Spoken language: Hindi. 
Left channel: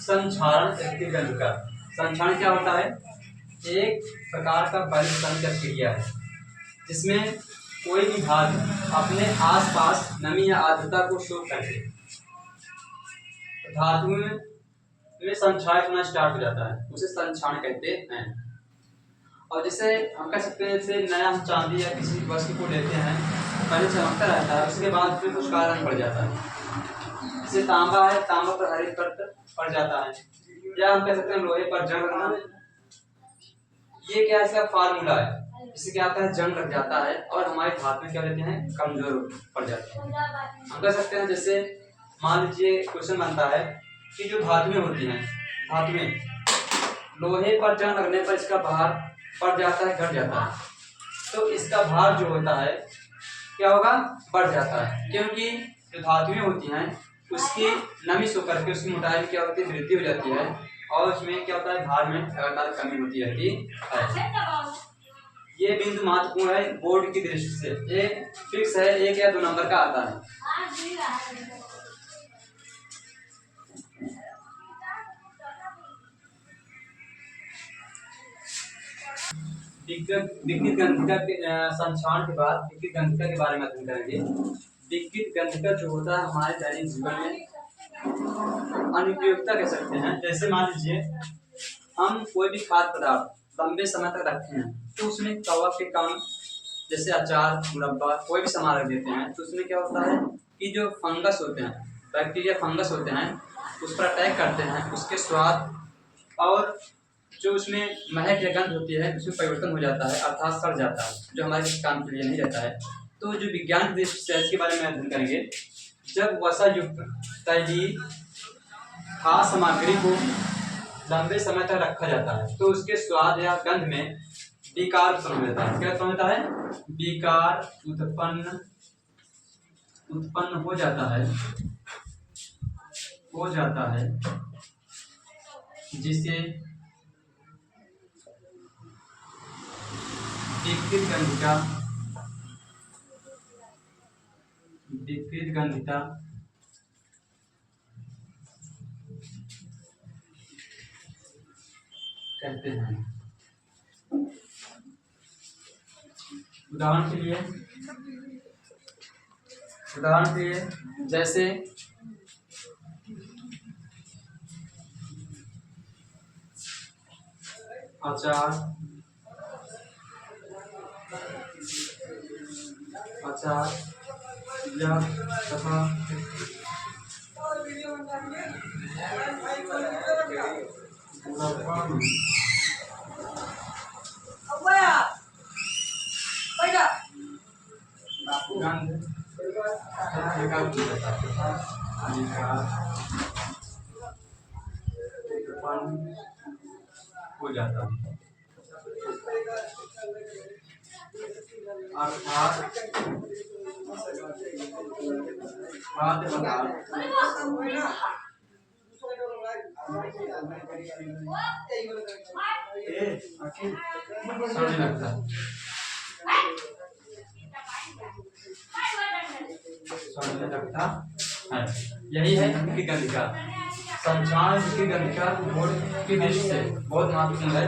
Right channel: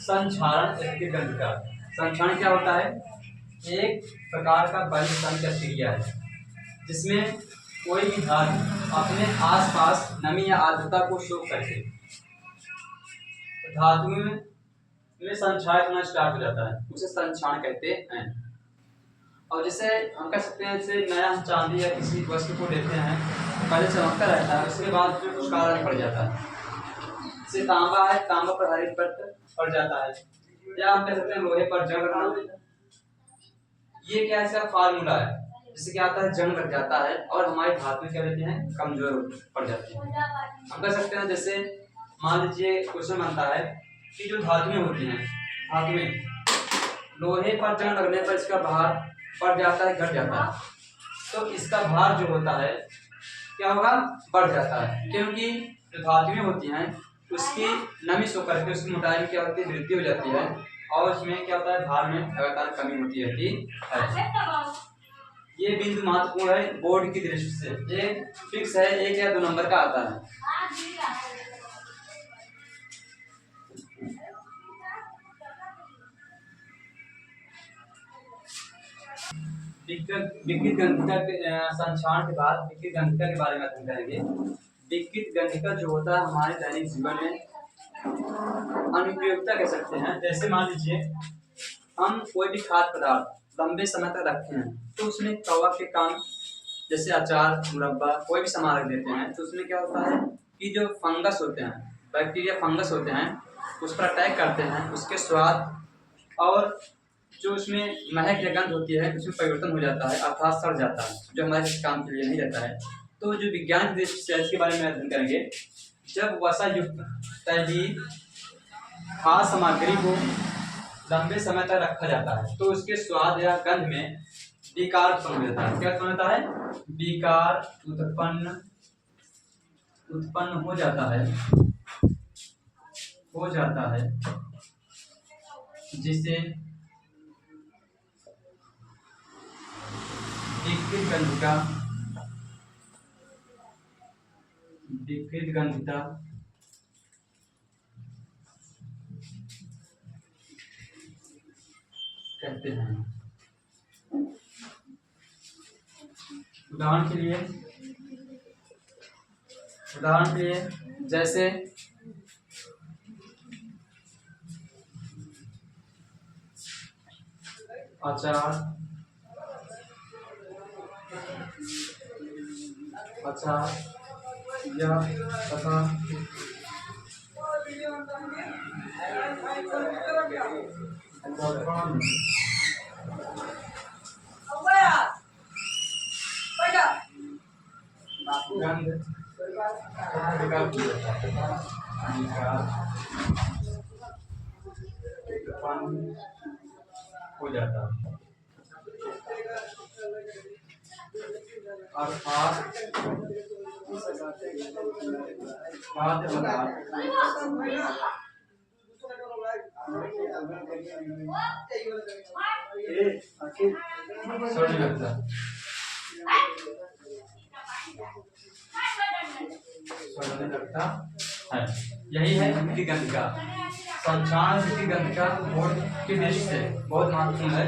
संक्षारण गंधिका। संक्षारण क्या होता है? एक प्रकार का परिवर्तन क्रिया है जिसमें कोई भी धातु अपने आसपास नमी या आर्द्रता को शोष करके धातु में संक्षारित होना स्टार्ट हो जाता है, उसे संक्षारण कहते हैं। और जैसे हम कह सकते हैं, जैसे नया हम चांदी या किसी वस्तु को लेते हैं, पहले चमकता रहता है, उसके बाद उसमें कुछ काला रंग पड़ जाता है। जैसे तांबा है, तांबा पर हरित परत पड़ जाता है, या हम कह सकते हैं लोहे पर जंग लगना। ये क्या है, इसका फार्मूला है। इससे क्या होता है, जंग लग जाता है और हमारी धातु क्या लेते हैं, कमजोर पड़ जाती है। हम कह सकते हैं, जैसे मान लीजिए क्वेश्चन बनता है कि जो धातुएं होती हैं, धातु में लोहे पर जंग लगने पर इसका भार बढ़ जाता है, घट जाता है। तो इसका भार जो होता है क्या होगा, बढ़ जाता है, क्योंकि जो धातुएं होती हैं उसकी नमी सो करके उसकी मोटाई में क्या होती है, वृद्धि हो जाती है, और उसमें क्या होता है, भार में लगातार कमी होती रहती है। ये बिंदु महत्वपूर्ण है बोर्ड की दृष्टि से। ये फिक्स है, 1 या 2 नंबर का आता है। विकृत गंधिका के संक्षारण के बाद विकृत गंधिका के बारे में अध्ययन करेंगे। विकृत गंधिका जो होता है हमारे दैनिक जीवन में अनुपयोगिता कह सकते हैं। जैसे मान लीजिए हम कोई भी खाद्य पदार्थ लंबे समय तक रखते हैं, तो उसमें कवक के काम, जैसे अचार, मुरब्बा, कोई भी सामान रख देते हैं, तो उसमें क्या होता है कि जो फंगस होते हैं, बैक्टीरिया फंगस होते हैं, उस पर अटैक करते हैं, उसके स्वाद और जो उसमें महक या गंध होती है उसमें परिवर्तन हो जाता है, अर्थात सड़ जाता है, जो हमारे किसी काम के लिए नहीं रहता है। तो जो विज्ञान की दृष्टि से इसके बारे में अध्ययन करेंगे। जब वसा युक्त तैलीय खाद्य सामग्री को लंबे समय तक रखा जाता है, तो उसके स्वाद या गंध में विकार उत्पन्न होता है। क्या उत्पन्न होता है, विकार उत्पन्न हो जाता है, जिसे विकृत गंधिका कहते हैं। उदाहरण के लिए जैसे अचार या तथा मुरब्बा में गंध उत्पन्न हो जाता है, अर्थात खाद्य पदार्थ सड़ने लगता है। यही है विकृत गंधिका। संक्षारण विकृत गंधिका बोर्ड की दृष्टि से बहुत महत्वपूर्ण है।